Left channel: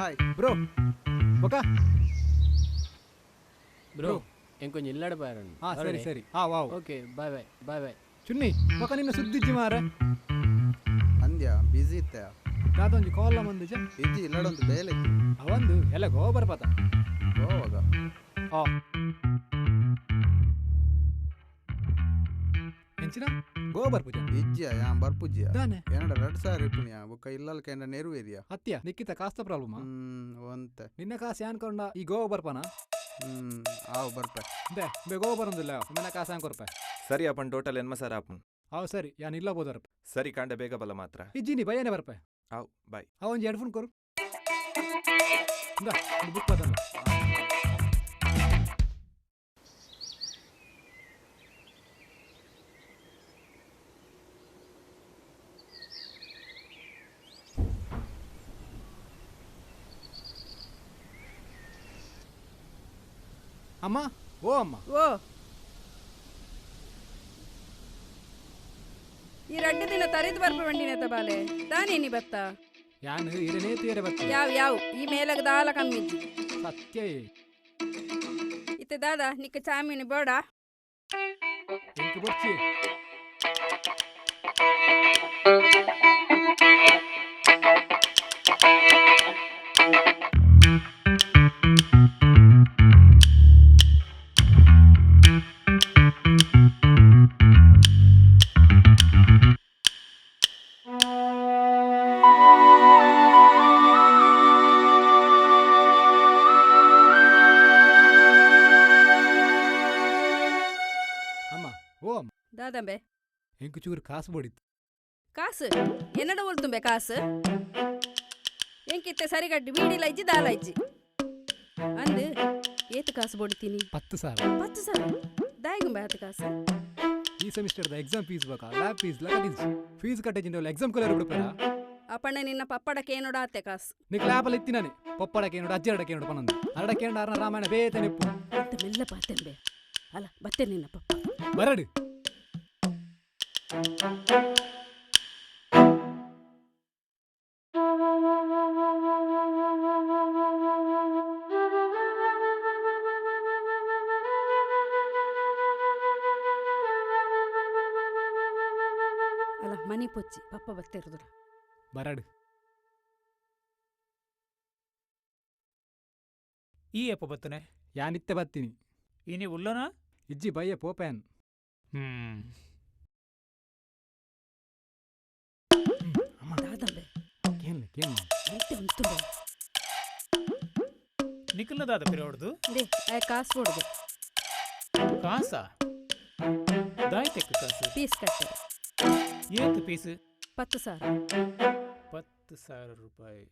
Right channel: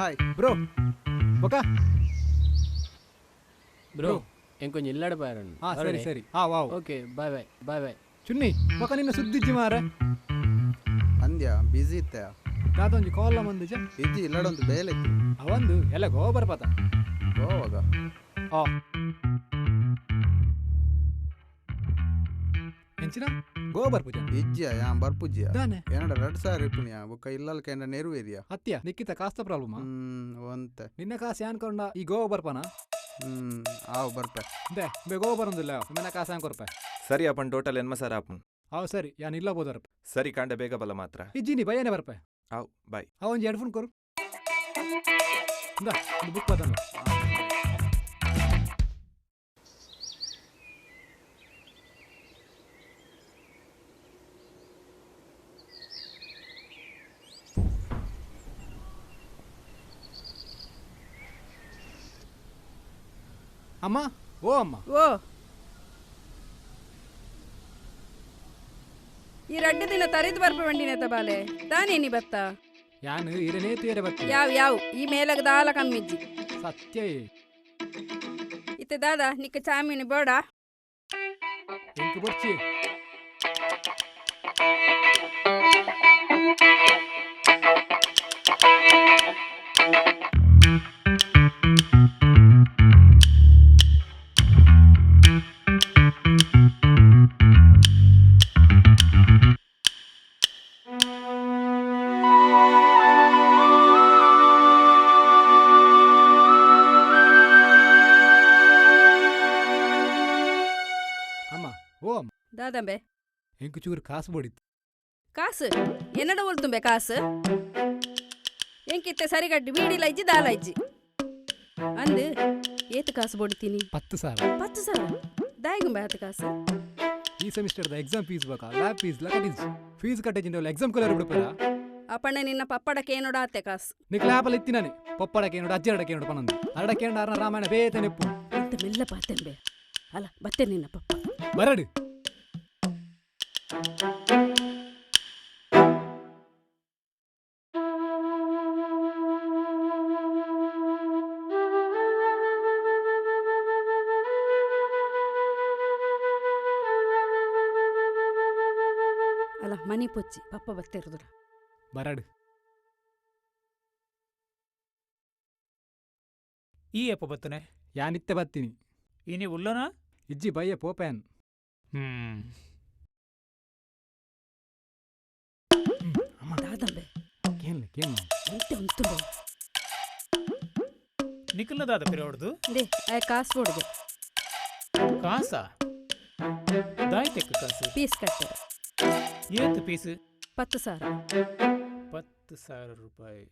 Hi bro ఒక bro ఇంకొంచెం ఇల్లాడిపోయారండి. సರಿ సರಿ wow okay ಬಾಯ್ ಬಾಯ್ ಬಾಯ್ ಬಾಯ್ ಚುನ್ನಿ ఒక ನಿನ್ನ ಸುದ್ದಿಜ್ಜಿ ಮಾರ ಅಂದ್ಯಾ ಬಿಸಿ ಇತ್ತ ದಾದೊಂಜಿ ಕಾಲ್ ಮಂದಿಜ ಇಜ್ಜಿ ಇಲ್ಲಡೊಂದು ಬೇಲೆತ್ತಿ ಅವಂದು ಎಲ್ಲ ಗೋಬರ್ ಪತ ಗೋವಾಗ ಎಂಚಿನ ಗೋಬರ್ ಪೂಜೆ ಇಜ್ಜಿಯ ಯಾ ಬರ್ಪುಜ್ಜಿಯ ದಾನೆ ಏನಡ 2000 ಇಪ್ಪುನಿಯ ಬೊಕ್ಕ ಇಲ್ಲಲ್ಕ ಎಂಡ ನೆರವೇರಿಯ ಹತ್ಯ ನಿಕ್ಕಿತ ಕಾಸ್ತ ಪ್ರಾಬ್ಲಮ್ ಒಂತೆ ನಿನ್ನ ಕಾಸು ಯಾನ್ಕೊಂಡ ಈ ಗೋಬರ್ ಪನ ಆವ್ ಬರ್ಪೆ ದೇ ಬೆ ಗೋಬರ್ ಒಂದಿಲ್ಲ ನಿನ್ನ ಕಾಸು ಯಾನ್ಕೊರ್ಪೆ ಸರಿ आपण ಟೋಟಲ್ ಎನ್ಮ ಸರ್ ಆಪನ್ ಅವ್ ಸರಿ ಯಾನ್ ಇಲ್ಲ ಬೋದರ್ಪೆ ಸರಿ ಕಾಂಡ ಬೇಗ ಬಲ ಮಾತ್ರ ಇಜ್ಜಿನಿ ಭಯನೇ ಬರ್ಪೆ ಆವ್ ಬಾಯ್ ಅವೊಂಜಿ ಹೆಡ್ಫೋನ್ ಕೊರು ಇಂದ ಒಂದು ಬುಕ್ ಅದಲ್ಲ ಅಮ್ಮ ಓ ಅಮ್ಮ ಓ ಈ 2 ದಿನ ತರಿದು ಬರ್ಪ ಬಂಡಿನೆತ ಬಾಲೆ ತಾನೇನಿ ಬತ್ತ ಯಾನು ಇರನೇ ತೇರೆ ಬತ್ತೆ ಯಾವ್ ಈ ಮೇಲಗ ದಾಲ ಕಮ್ಮಿಜ್ಜಿ ಸತ್ಯ ಇತ್ತೆ ದಾದ ನಿಕ್ಕ ಚಾಮಿನಿ ಬೋಡ ಎಂಕ್ ಬೊಚ್ಚಿ ಅಮ್ಮ ಓ ಅಮ್ಮ ದಾದಂಬೆ ಎಂಕ್ ಚೂರು ಕಾಸು ಬೋಡಿತ್ತು ಕಾಸು ಎನ್ನಡ ಉಳ್ತುಂಬೆ ಕಾಸು ಎಂಕಿತ್ತೆ ಸರಿಗಡ್ಡಿ ಬೀಡಿಲ ಇಜ್ಜಿ ದಾಲ ಇಜ್ಜಿ ಅಂದು ಏತು ಕಾಸು ಬೋಡ್ತೀನಿ 10,000 ದಾಯಿಗುಂಬೆ ಆತ ಕಾಸು ಈ ಸೆಮಿಸ್ಟರ್ದ ಎಕ್ಸಾಮ್ ಫೀಸ್ ಬೇಕಾ ಲ್ಯಾಬ್ ಫೀಸ್ ಲ ಕಟ್ಟಿದ್ಜಿ ಫೀಸ್ ಕಟ್ಟಿಜಿಂದ ಎಕ್ಸಾಮ್ ಕಲರ್ ಬಿಡ್ಪೇರ ಅಪ್ಪಣ್ಣ ನಿನ್ನ ಪಪ್ಪಡಕ್ಕೆ ಏನೋಡ ಆತೆ ಕಾಸು ನಿಕ್ ಲ್ಯಾಬಲ್ಲಿ ಇತ್ತಿನಾನೆ ಪಪ್ಪಡಕ್ಕೆ ನೋಡು ಅಜ್ಜರಡಕ್ಕೆ ನೋಡು ಪನಂದು ಅರಡಕ್ಕೆ ಅರ್ನ ರಾಮಾಯಣ ಬೇತೆ ನೆಪ್ಪು ಅಂತ ಮೆಲ್ಲ ಪಾತೆಂಬೆ ಅಲ್ಲ ಬತ್ತೆ ನಿನ್ನ ಪಪ್ಪ ಬರಡು ಅಲ್ಲ ಮನಿ ಪೊಚ್ಚಿ ಪಪ್ಪ ಬತ್ತಿರುದುಲ ಬರಡು ಈ ಎಪ್ಪ ಬತ್ತನೆ ಯಾನಿತ್ತೆ ಬತ್ತೀನಿ ಇನಿ ಉಲ್ಲನ ಇಜ್ಜಿ ಬಯ್ಯ ಪೋಪ್ಯಾನ್ ಅಮ್ಮ ದಾದಂಬೆ ಕೇನ್ಲೆ ಕೇನ್ ಎಂತೆ ಉಂತುಂಬೆ ನಿಖಲ್ನದಾದ ಪಿರೋಡ್ದು ದೇ ಆ ಕಾಸು ಬೋಡ್ದೆ ಕಾಸ ದಾಯ್ತೆಕ್ಕ ಕಾಸು ಪೀಸ್ ಕಟ್ಟೆ ಏತು ಪೀಸ್ 10,000 10,000 ರೂಪಾಯಿ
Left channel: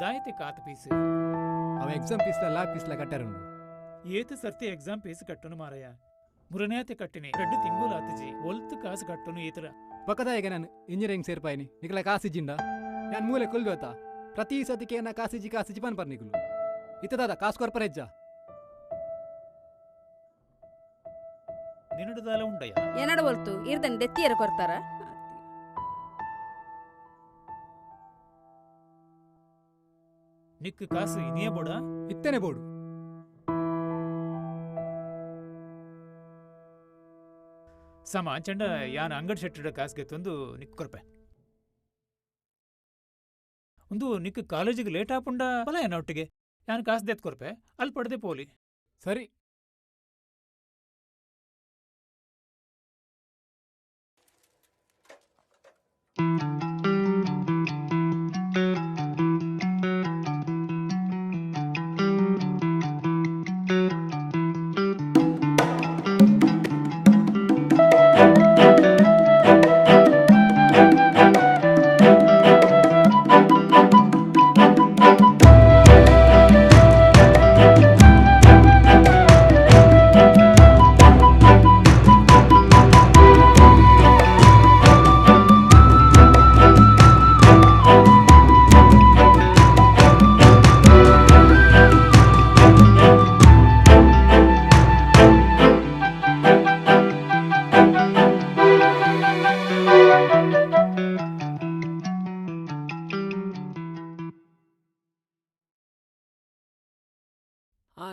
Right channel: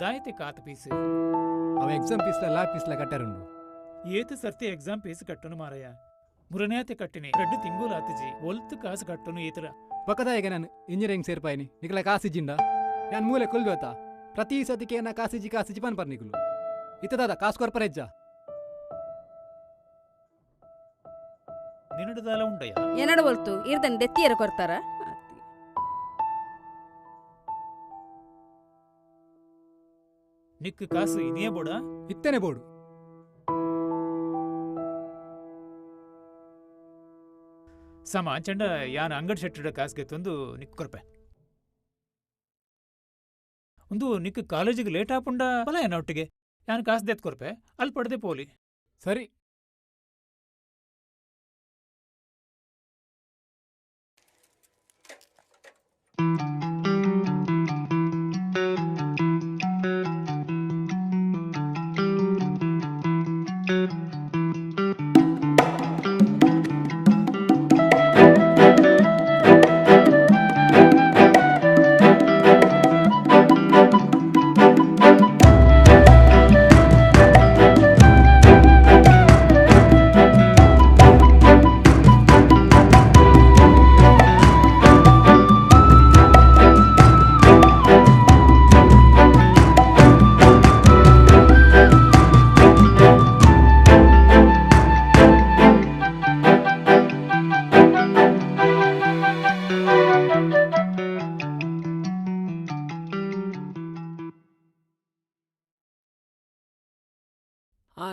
ದಾಯ್ತೆಕ್ಕ ಆತ ಪೀಸ್ ಅವ ಎಕ್ಸಾಮ್ ಫೀಸ್ಲ ಲ್ಯಾಬ್ ಫೀಸ್ಲ ಕಟ್ಟಾರುಂಡು ಏತು ಸರ್ತಿ ಎಕ್ಸಾಮ್ ಪೀಸ್ ಕಟ್ಟನು ಮಾರಯ್ಯ ಮುರನೇತೆ ಕಟ್ಟಿನಿ 2 ತಿಂಗುಲು ಆತಜಿ ಒಲ್ತು ಕಾಸು ಕಟ್ಟನು ಈತರ ಪಕ್ಕದಾಯಿಗೆ ನಾನು ಇಂಜಿನಿಯರಿಂಗ್ ಸೇರ್ಪಾಯಿನಿ ನಿಕಲ ಕಾಸಿಜ್ಜಿಂಡ ನಾನು ಮೂಲೆ ಕೊಲ್ಬೇತಾ ಪ್ರತಿ ಸತಿಕೆ ನಾ ಕಾಸಿಜ್ಜಿ ಪನ್ಪರ್ ನಿಕಲು ಇತ್ತದಾದ ಕಾಸು ಕೊರ್ಪರ ಹೆಜ್ಜ ನಿನ್ನಡದಾಲ ಉಂಡಯ್ಯ ಏನಡ ಒಲ್ತು ಇರ್ದನ್ ದೆತ್ತಿಯರ ಕೊರ್ತಾರ ನಿಕ್ಕು ಕಾಸು ಇನಿಯ ಬೋಡ ಇತ್ತೇನೆ ಬೋಡು ಸಮ ಅಂಚಂಡ ಯಾನ್ ಅಂಗಡಿ ಶೆಟ್ಟಡ ಕಾಸ್ಗೆ ತಂದು ನಿಕ್ ಕೊರ್ಪೆ ಒಂದು ನಿಕ್ ಕಾಲೇಜಿಗೆ ಲೇಟ್ ಆಪುಂಡ ಬಲ ಏನ ಒಟ್ಟಿಗೆ ಯಾನ್ ಕಾಸು ದೆತ್ ಕೊರ್ಪೆ ಅಲ್ಲಿ ಪಡೆದೆ ಪೋಲಿ ಸರಿ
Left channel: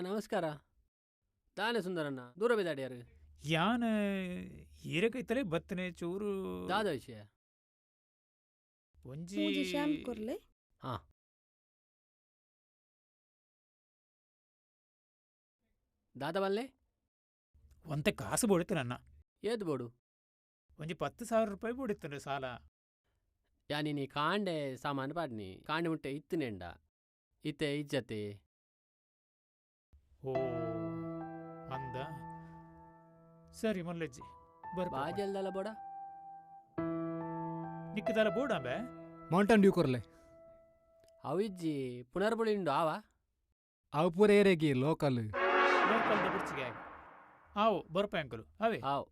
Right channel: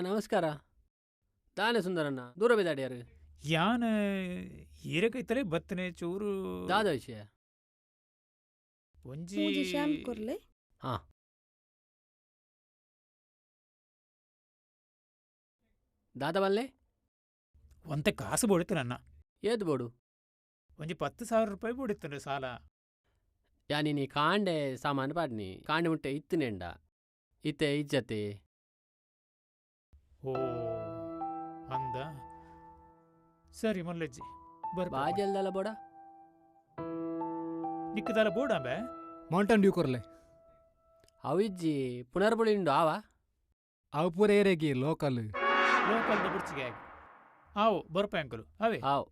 ನಮಸ್ಕಾರ. ತಾನೇ ಸುಂದರಣ್ಣ, ದೂರ ಬಿದ್ದಾಡ್ಯಾರು. ಯಾನ್ ಈರಕೈತಲೆ ಬತ್ತನೆ ಚೂರು ದಾದ ವಿಷಯ. ಒಂಜಿ ಪೂಜೆ ಶ್ಯಾಮ್ ಕೊರ್ಲೆ ದಾದ ಬಲ್ಲೆ ಒಂತೆ ಕಾಸು ಬೋಡಿತ್ತು ನನ್ನ ಏದು ಬೋಡು. ಒಂಜಿ 10,000 ರೂಪಾಯಿ ಬೋಡಿತ್ತು ಸಾಲ. ಯಾನಿ ಕಾಂಡೆ ಸಾಮಾನು ಪಾಡ್ನಿ ಕಾಂಡೆ ಮುಟ್ಟೆ ಇತ್ತಿನೆಂಡ ಇತ್ತೆ ಇಜ್ಜತೆ. ಓ ಅಂದ ಸರಿ ಮಲ್ಲಜ್ಜಿ ಬಾಜಲ್ದಲ್ಲ ಬೋಡ ನಿಕ್ಕದಾಲ ಬೋಡಾಂಬೆ ಮೌಂಟನ್ ಡ್ಯೂ ಕೊರ್ಲೆ ಅವಿಜ್ಜಿ ಪುನರ್ಬುಳಿಂಡು ಆವ ಅವು ಪೂರ ಏರೆಗಿ ಲೋಕಲ್ ಲೋಕಲ್ದ ಬುಡ್ಚಿಗೆ ಆಗಿ ಆವು ಬರ್ಪ ಅಂಕಲು ಅವೇ ಆವ್.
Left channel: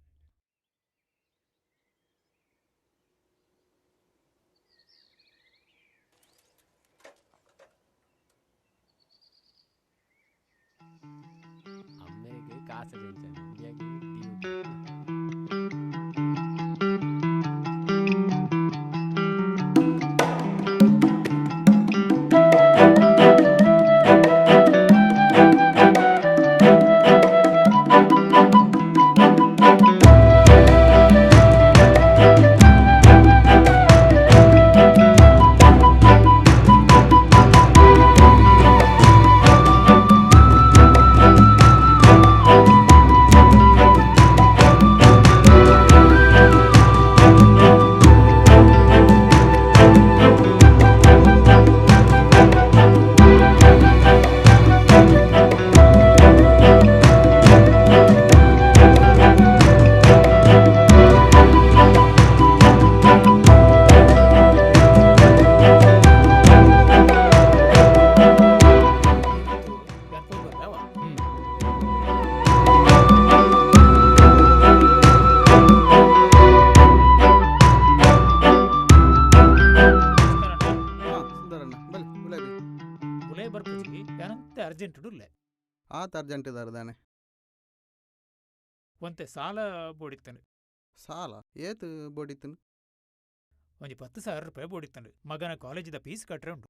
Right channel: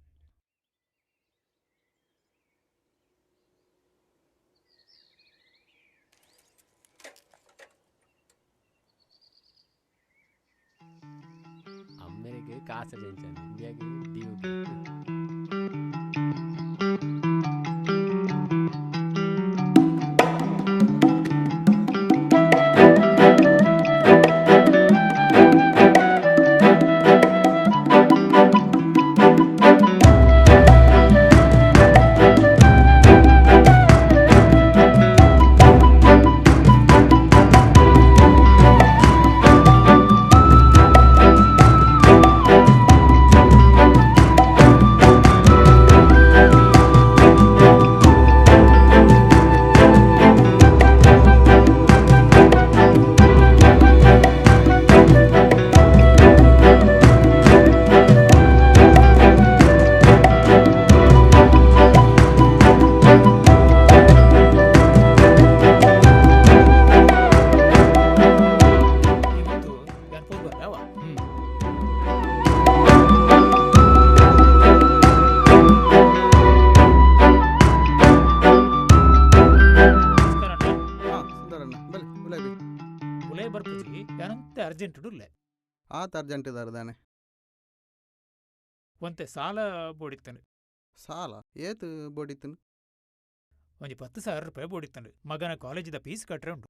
ಅಮ್ಮೆರಿಗೆ ಕಾಸ ಜಂಚನ್ ಇಂಡಿಯಾಗೆ ಡಿಯುಗೆ. ಇವತ್ತು ಯಾನ್ ಫೋನ್ ಬರ್ದ ಅವ ನಮಸ್ಕಾರ ಅಣ್ಣ. ಹಾಂ ಸುಂದರಣ್ಣ ಬಲ್ಲಿ ಗುಲಾಬಿ ಉಲೇ ಬರ್ಪುಜಿ ಯಾನಂತೆ ಅರ್ಜೆಂಟ್ ಡುಲ್ಲೆ ಆತ ಅರ್ಜೆಂಟ್ ಇದಾರದಾನೆ. ಒಂತೆ ಸಾಲ ಬೋಡಿತ್ತನು ಸಾಲ ಏತು ಬೋಡಿತ್ತನು ಒಂಜಿ 10,000 ರೂಪಾಯಿ ಬೋಡಿತ್ತನು ಮಗನ ಕಾಲೇಜಿದ ಫೀಸ್ ಕಟ್ರೆ ಉಂಟು.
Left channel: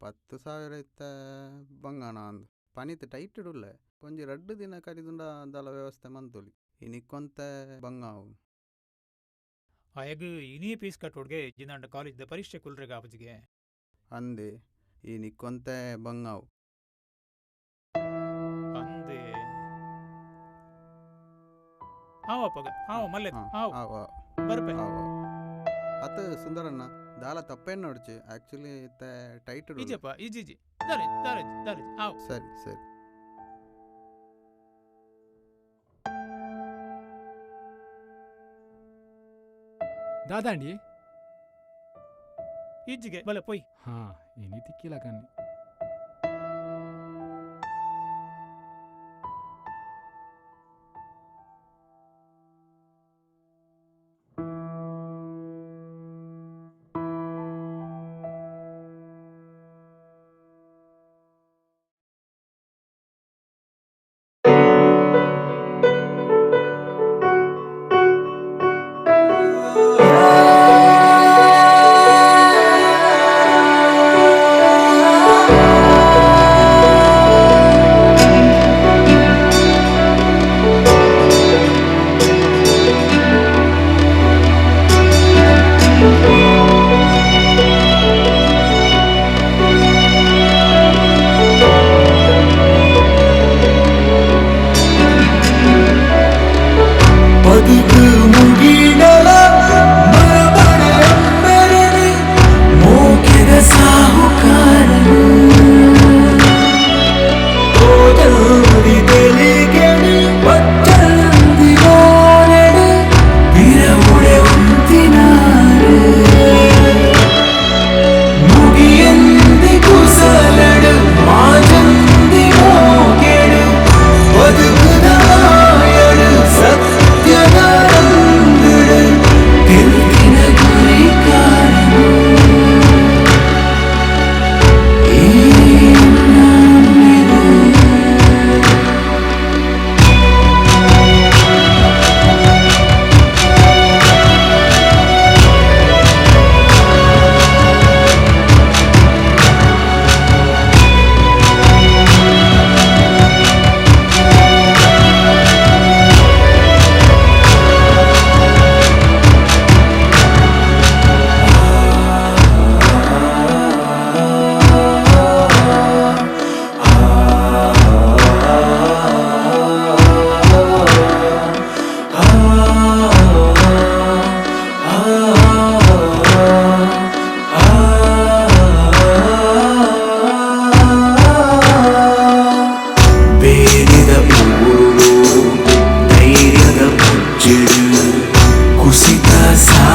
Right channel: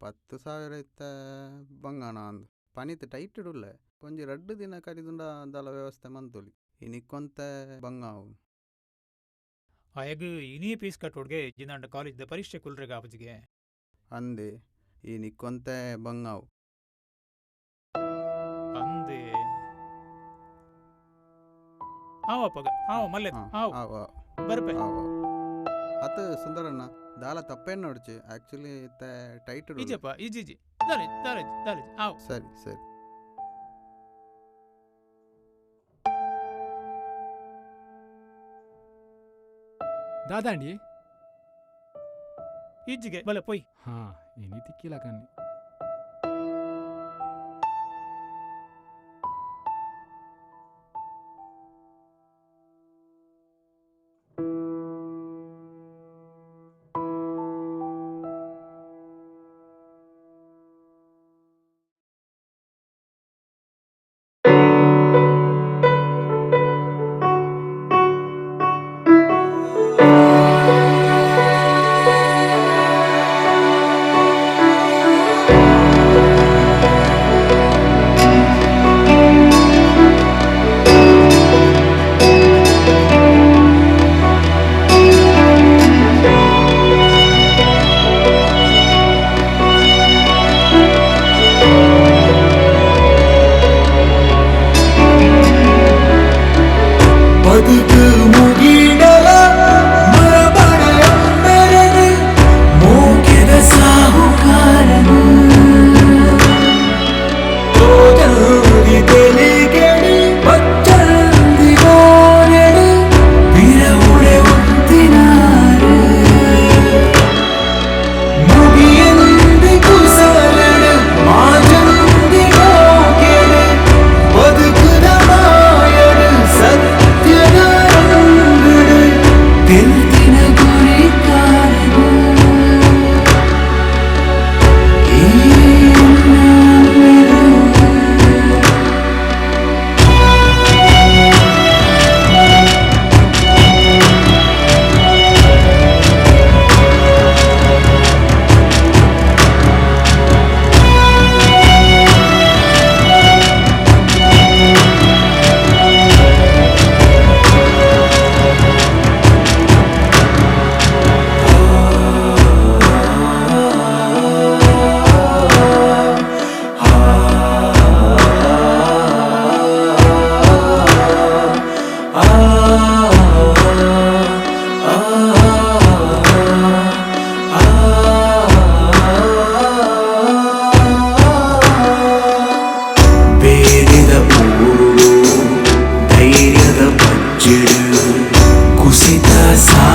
10,000 ಇತ್ತ ಬಂಗಾಣ ಅಂದು ಪನಿತ್ ಟೈಟ್ ಇಡುಲ್ಲೆ ಒಂಜಿ 2 ದಿನ ಕಡಿದುಂಡ ದಲ ವ್ಯವಸ್ಥೆ ಮಂತೊಲಿ ಇನಿಕ್ಕೊಂತ ಬಂಗಾವು ಅಯಗ್ ಇನಿ ಫೀಸ್ ಕಟ್ಟೋಡ್ಗೆ ಜಿಂದಾಂಡ ಕಾಲೇಜಿದ ಪರೀಕ್ಷೆ ಕುಲ್ರೆಗ ಆಪಜಿಗೆ ಅಂದೆ ಈ ನಿಕ್ಕೊಂತ ಬಂಗಾವು ಅಂದೆ ಆವಪ್ಪಗ ಆವ ಮಲ್ಲೆ ಆವ್ ಬರ್ಪೆ ಅತ ಸುಂದರಣ್ಣ ದಾಲ ತಪ್ಪೇನು ನೋಡ್ಚಿ ಆಕ್ಚುಲಿ ಟೈಟ್ ಈಜಪ್ಪ ಈಜಿ ದಾಲೆ ದಾಲೆ ದಾಲೆ ಆವ್ ಸರಿ ಸರಿ ದಾದಾಂಡಿ ಈಜಿಗೆ ಬಲೆ ಪೊಯ್ ಹಾ ಏನಿ ತಿಕ್ಕಿಲ್ಲ ಕಣ್ಣಿ.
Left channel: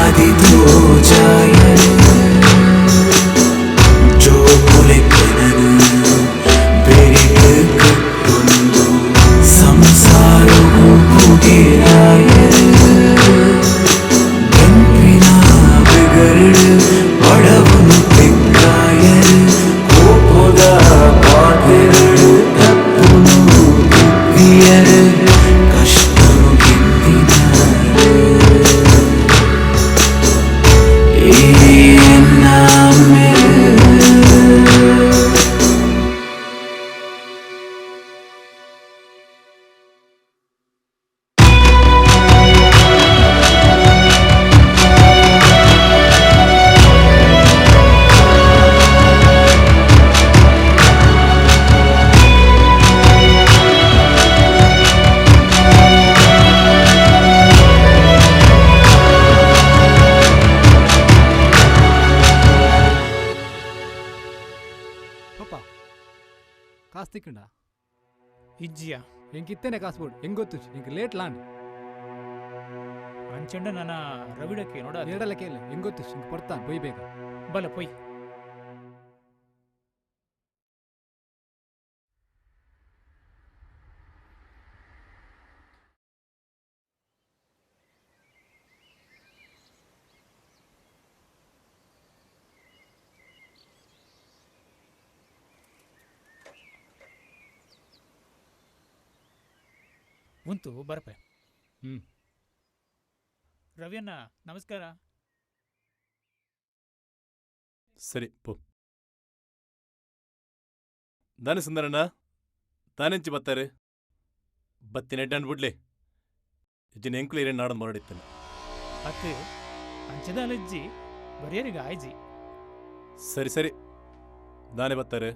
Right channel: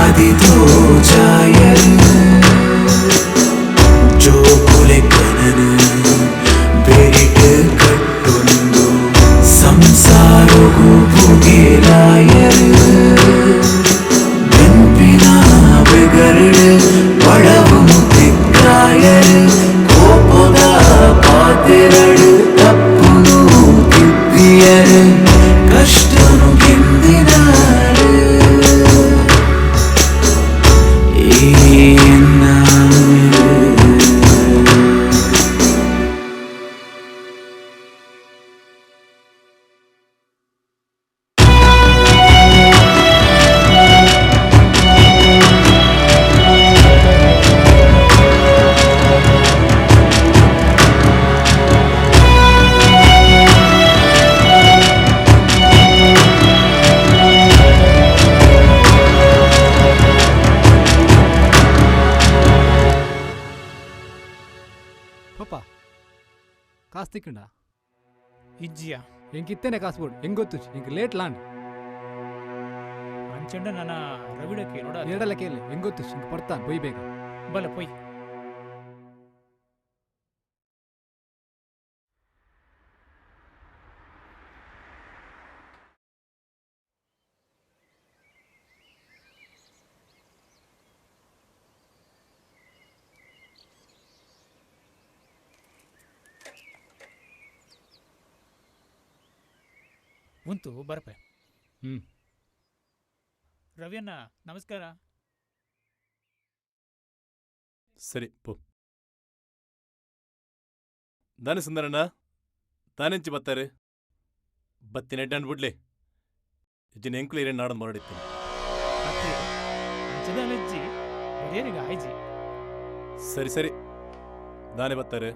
ಆದಿತೋ ಜಾಯರು ಜೋಪುಲೆ ಕನನು ಬೆರಿಟ್ ಕಟ್ಟೊಂದು ಸಂಸಾರಗೂ ಭುಗಿರಾಯರು ಬೆಂಪಿನ ಬೆಗರಡು ಬಡವನು ತಿಕ್ಕಾಯರು ಕೋಪದ ಪಾತೆರಡು ತಪ್ಪುನು ತಿಪ್ಪಿಯರು ಕಷ್ಟನು ಗೆಂದಿನಾರು ಪಪ್ಪ ಕಾಸು ತಿಕ್ಕಂಡ ಇಜ್ಜಿಯ ಎಂಕಿತ್ತೇನೆ ಕಾಸು ಬೋಡು ಹೆಂಗ್ ಗೊತ್ತು ಇಂಕ ಲೇಟ್ ಲಾಂಡ್ ಅಂಚಂಡ ನನ್ನ ರವಿಡಕ್ಕೆ ನೋಡ ಎರಡಲ್ಲ ಕೇಳಿ ಹೆಂಗ್ ಗೊತ್ತು ಇಂಕ ಪಡ್ತಾನೆ ಬೊಯ್ ಬೇಗ ಬಲ ಪೊಯ್ ಉಂಟು ಬರಪೆ ರವಿಯಣ್ಣ ನಮಸ್ಕಾರ ಸರಿ ಪೋ ದಾನೆ ಸುಂದರಣ್ಣ ತಾನೆಂಚಿ ಬತ್ತಾರೆ ಬತ್ತಿನ ಎಡ್ಡಂಡು ಬಿಡ್ಲಿ ಇಜ್ಜಿನ ಎಂಕುಲು ಇರೇನು ನಾಡೊಂದು ಹೊರಡಿತ್ತೇನೆ ಅತ್ತೆ ಅಂಚದಲ್ಲಜ್ಜಿ ಬರಿಯರಿಗೆ ಆಯ್ಜಿ ಸರಿ ಸರಿ ದಾನೆ ಬತ್ತಾರೆ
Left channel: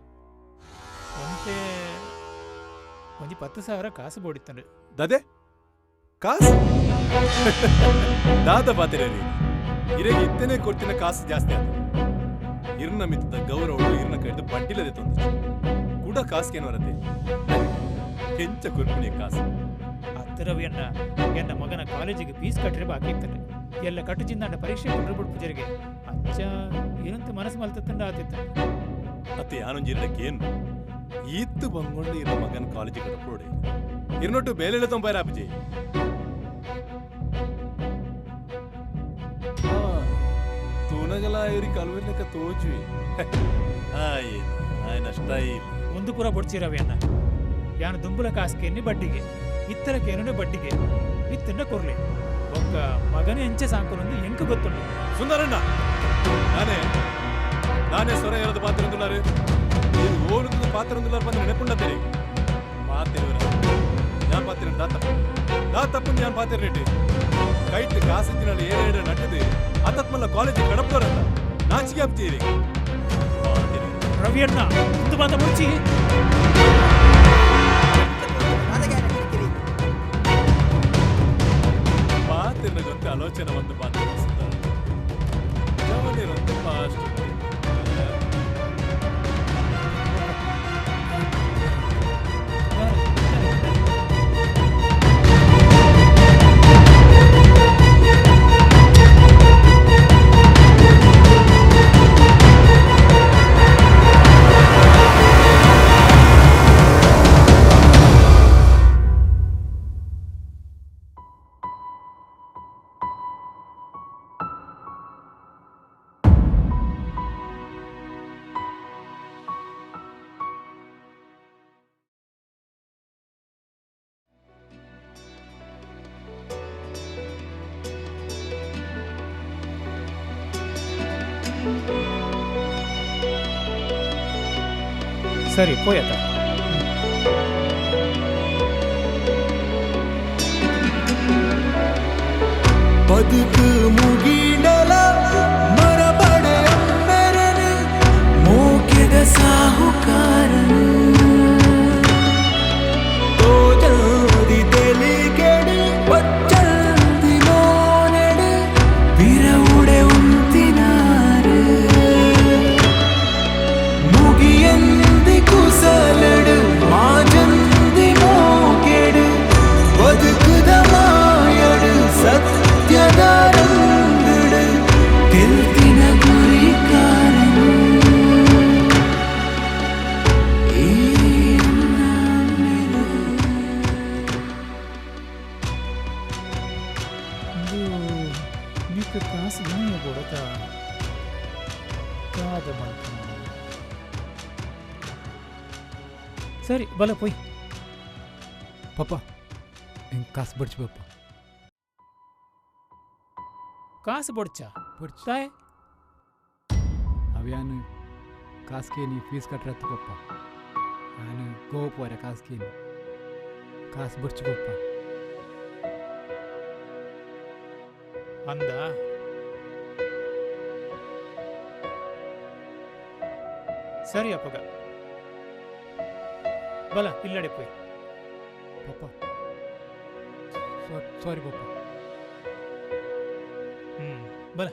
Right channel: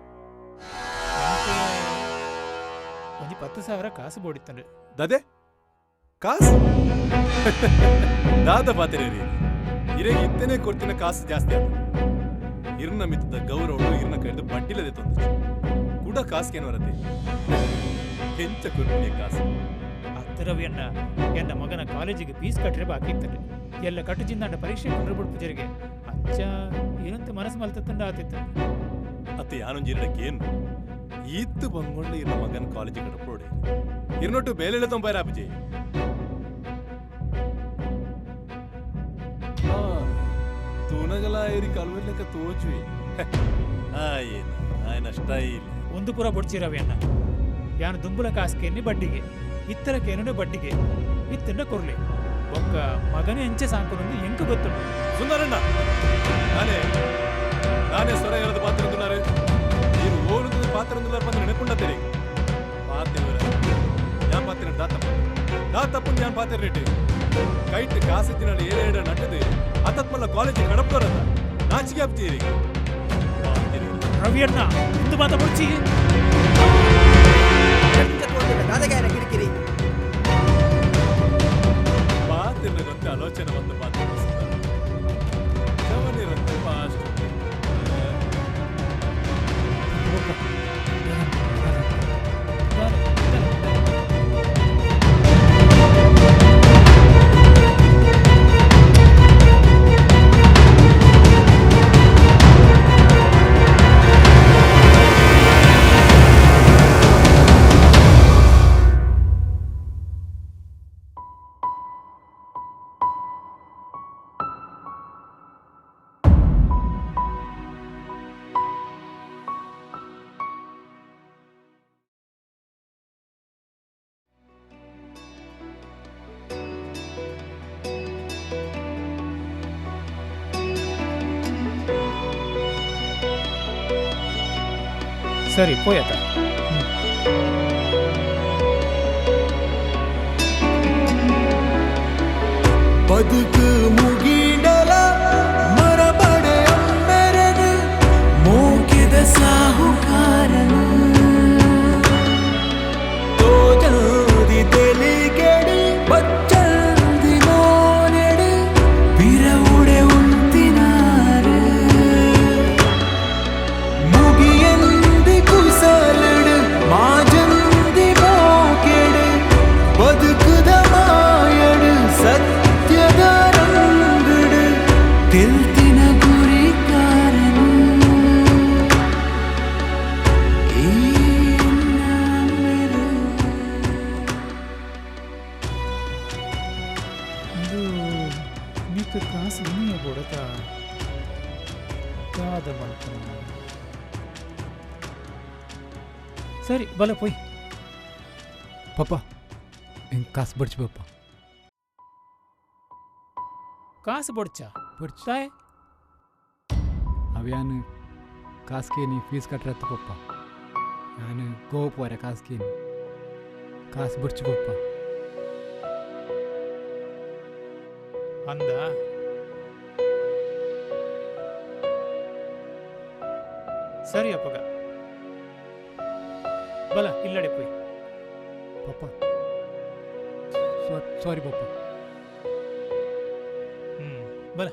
ಒಂತೆ ಒಂಜಿ 10,000 ಕಾಸು ಬೋಡಿತ್ತಂಡು ದಾದೆ ಕಾಸು ದಾದ ಪಾತಿರ ರೀ ಇರೆಗೆ ಇತ್ತೇನೆ ಕೊಡ್ತಿನ ಕಾಸು ಜಾಸ್ತಿ ಆತ ಇರ್ನ ಮಿತ್ತದ ಗೌರವಳು ಇರ್ನ ಕೈದು ಬಡ್ಡಿಲದೆ ತೊಂದು ಕೂಡ ಕಾಸ್ಗೇನು ಬರತ್ತೆ ಹೆಂಚ ಕುರ್ಪುನಿಯ ಕಾಸು ಅತ್ತ ರವಿಯಣ್ಣ ಎನ್ನ ಮಗನ ಕಾಲೇಜಿಗೆ ಫೀಸ್ ಕಟ್ಟರೆ ಬಾಕಿ ಇತ್ತಂಡು ಎಲ್ಲ ಕಟ್ಟುಜಿಂದಾಂಡ ಪರೀಕ್ಷೆ ಕೊಂಡ್ರಬಿಡ್ ಪೂಜರಿಗೆ ಅಂಚ ಏನಂತ ಮನಸ್ಸು ಮಲ್ತಂಡ ಆತಿತ್ತ ಅತ್ತೆ ಯಾನೊಂಜಿರಡಕ್ಕೆ ಏನು ಈತ್ತು ಬಂಗೊಂಡು ಇರ್ನ ಮಗನ ಕಾಲೇಜಿಗೆ ಕಡಪೋಡೆ ಇರ್ನೊಟ್ಟು ಬೇಲೆಲ್ಲ ತೊಂಬಾರ ಅಪ್ಪಜಿ ತೂನಗಲ ಇವ್ರಿಗೆ ಕಲ್ವೆರ್ಲೆಕ್ಕ ತೋಚುವೆ ಏನು ఆయన ಸ್ಟೈಲ್ ಒಂದು ಪುರ ಬೊಡ್ಚಿ ರವಿಯಣ್ಣ ಯಾನು ದುಂಬುಲ ಕಾಸ್ಕೇನಿ ಬಡ್ಡಿಗೆ ಇತ್ತರಕೇನು ಬಡ್ಡಿಗೆ ಇತ್ತಂಡ ಕೊರ್ಲಿ ಬೊಕ್ಕ ಮಗನೇ ಎಂಚೆ ಸಾಂಕೊನೊಂದು ಎಂಕ ಗೊತ್ತುಂಡು ಸುಂದರಣ್ಣ ನಾನೇ ಸ್ವರ ಹೇಳದು ಪಾತಿರಂದುಲ್ಲಾರು ನೀರು ಓಲುದು ಪಾತಿರಂದುಲ್ಲಾರು ಬಂದು ನೆನಪುಂಡತ್ತೇನೆ ಪಾತಿರುವರ ഞാൻ പാത്തിരണ്ട് ദാത്തപ്പുണ്ട് ഞാൻ പാത്തിരണ്ട് കൈട്ട് കാസിച്ചിനാണ് ഏഴേഴ് നട്ടത് അതത്മല്ല കോളേജ് കടപ്പുറല്ല നാച്ചിಗೆ ಆಗ್ತೀರಿ ಪಾತಿರುವರ ರವಿಯಣ್ಣ ಇಂದು ಮಾತ ಬೊಡ್ಚಿ ಪಾತಿರನಗೊಂದು ಆಲೋಚನೆ ಮತ್ತು ಪಾತಿರ ಸುಂದರ ಜವನಿರಂತೆ ಫಾಸ್ಟ್ ಸರಿ ಪೋಯತ ಬದುಕು ಮುಗಿಡಲ ಮರಬಡೆ ಅಂಬೆರನು ಮೋಕೆದ ಸಾಹುಕಾರನು ತೋಜದಿ ತೆಲಿಗೆಡು ಬಚ್ಚಲ್ದಿ ಮೋನೆಡು ಬಿರವುಡೆ ಉಂತಿನಾರು ಮುಗಿಯಂದಿ ಕುಸಲಡು ಮಾಜಂದಿ ಮೋಕೆಡು ಬದುಕುದ ಮಾಯಡು ಸತ್ಯದ ರಂಗಡು ಇದಕ್ಕೆ ಕಾಸು ಇನಿಯ ಕೊಡತ ಕಾದ ಮಲ್ಪನ ಸರಿ ಬಲ ಪೊಯ್ ಪಪ್ಪ ಹೆಂಗೆ ಕಾಸು ಬಡ್ಚು ಪಪ್ಪ ಕಾಸು ಬೊಡ್ಚ ಬಡ್ಚು ತಾಯ್ ಅವ್ಯಾನು ಕಾಸ್ಕೇನಿ ಫೀಸ್ ಕಟ್ರತ್ತು ಪಪ್ಪ ನಾನು ಗೋವಾ ಪೋರೆ ಕಾಸ್ಕೇನಿ ಕಾಸು ಬಡ್ಚು ಪಪ್ಪ ಅಂದ ಸರಿ ಅಪ್ಪಗ ಬಲ ಇಲ್ಲಡೆ ಪೊಯ್ ಪಪ್ಪ ಸಾರಿ ಪಪ್ಪ ಬಲ